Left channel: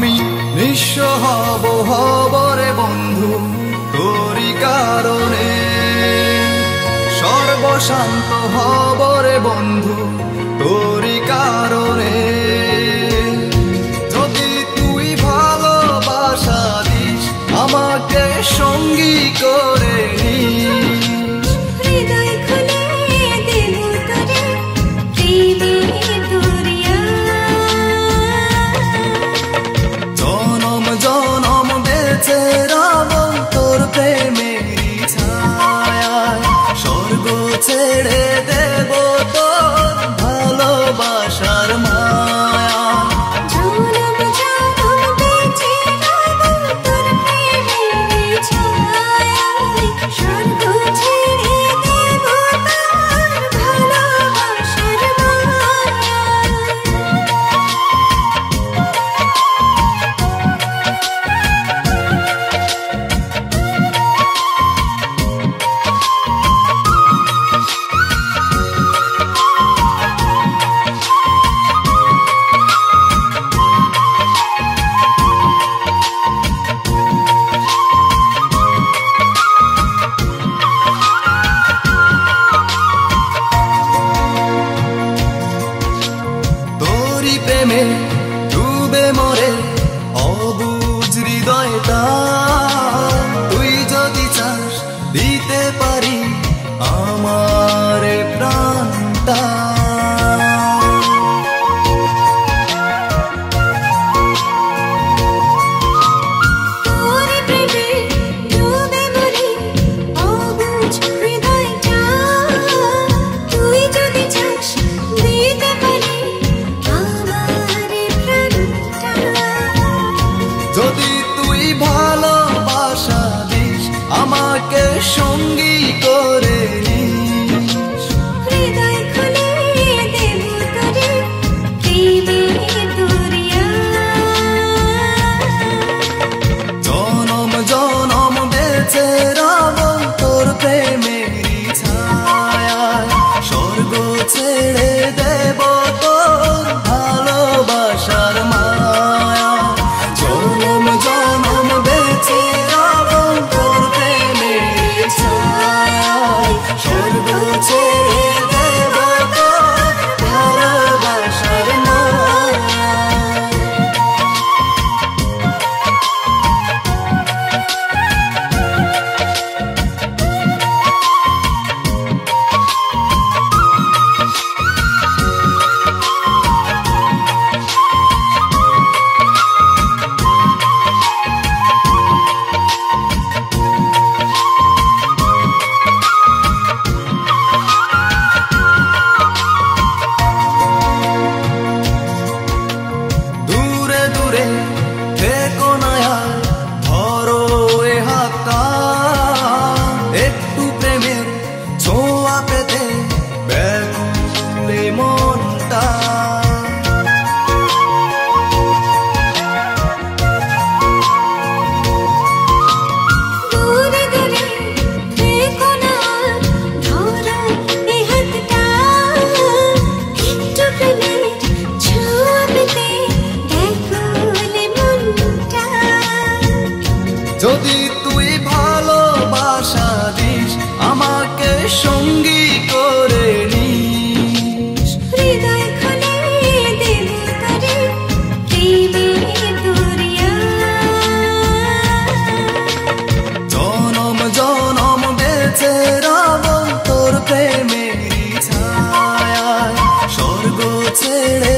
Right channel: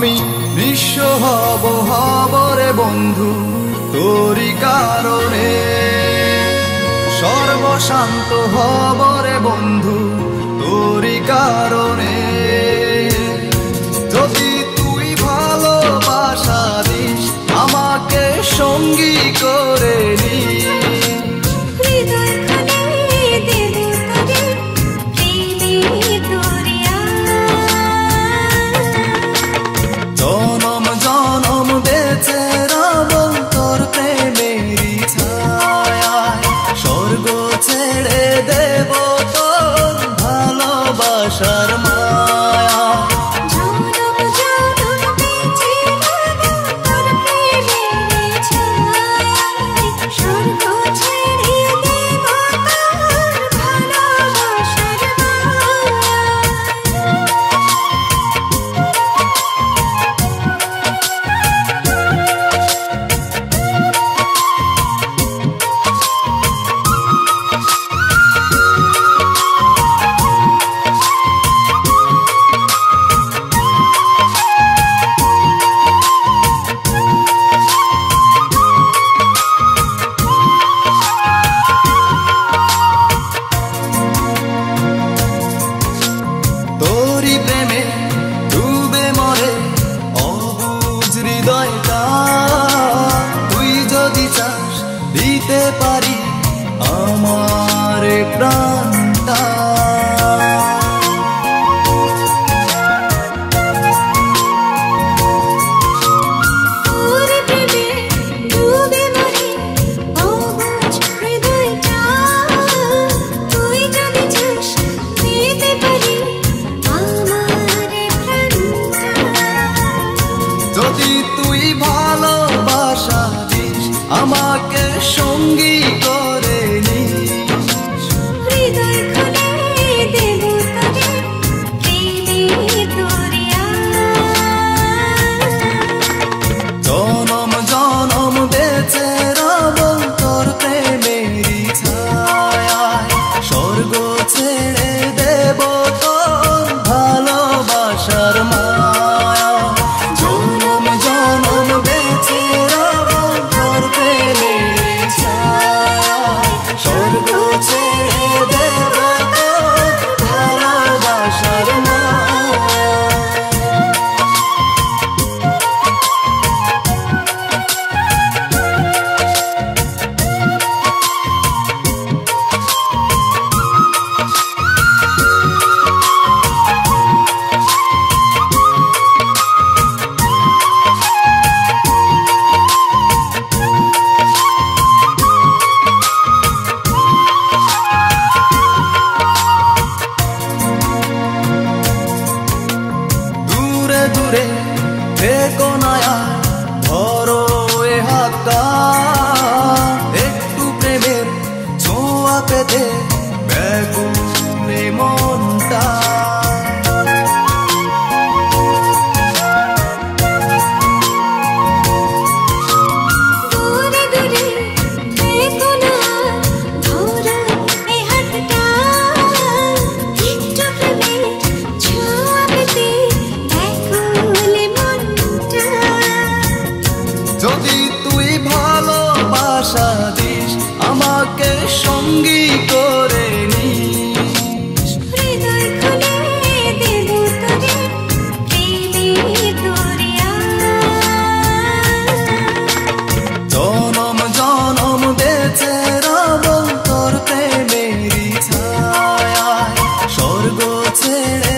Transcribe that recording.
আমি নিঃস্ব হব রে বন্ধু তোরি কারণে, সর্বশান্ত হব রে বন্ধু তোরি কারণে। যদি তুই ভালোবাসা দিস আমাকে সঙ্গী করে নিস, হৃদয় খুলে দেব তোরে প্রেমের দরিয়া। জনম জনম বেঁচে রব তোর প্রেমেরই ছায়ায়, স্বর্গ ছেড়ে দেব তোর ভালোবাসার মায়া। জনম জনম বেঁচে রব তোর প্রেমের ছায়ায়, স্বর্গ ছেড়ে দেব তোর ভালোবাসার মায়া। তোরি প্রেমে ডুবে মরে অবুঝ হৃদয়টা, তুই যদি চাস দিতে পারি আমার প্রাণটা। তোরে প্রেমে ডুবে মরে অবুঝ হৃদয়টা, তুই যদি চাস দিতে পারি আমার প্রাণটা। যদি তুই ভালোবাসা দিস আমাকে সঙ্গী করে নিস, হৃদয় খুলে দেব তোরে প্রেমের দরিয়া। জনম জনম বেঁচে রব তোর প্রেমেরই ছায়ায়, স্বর্গ ছেড়ে দেব তোর ভালোবাসার মায়া। জনম জনম বেঁচে রব তোর প্রেমেরই ছায়ায়, স্বর্গ ছেড়ে দেব তোর ভালোবাসার মায়া। দূরে দূরে থেকো না আর ধরো এ হাতটা, একটু প্রেমের ছোঁয়া পেতে ব্যাকুলে মনটা। দূরে দূরে থেকো না আর ধরো এ হাতটা, একটু প্রেমের ছোঁয়া পেতে ব্যাকুল মনটা। যদি তুই ভালোবাসা দিস আমাকে সঙ্গী করে নিস, হৃদয় খুলে দেব তোরে প্রেমের দরিয়া। জনম জনম বেঁচে রব তোর প্রেমেরই ছায়ায়, স্বর্গ ছেড়ে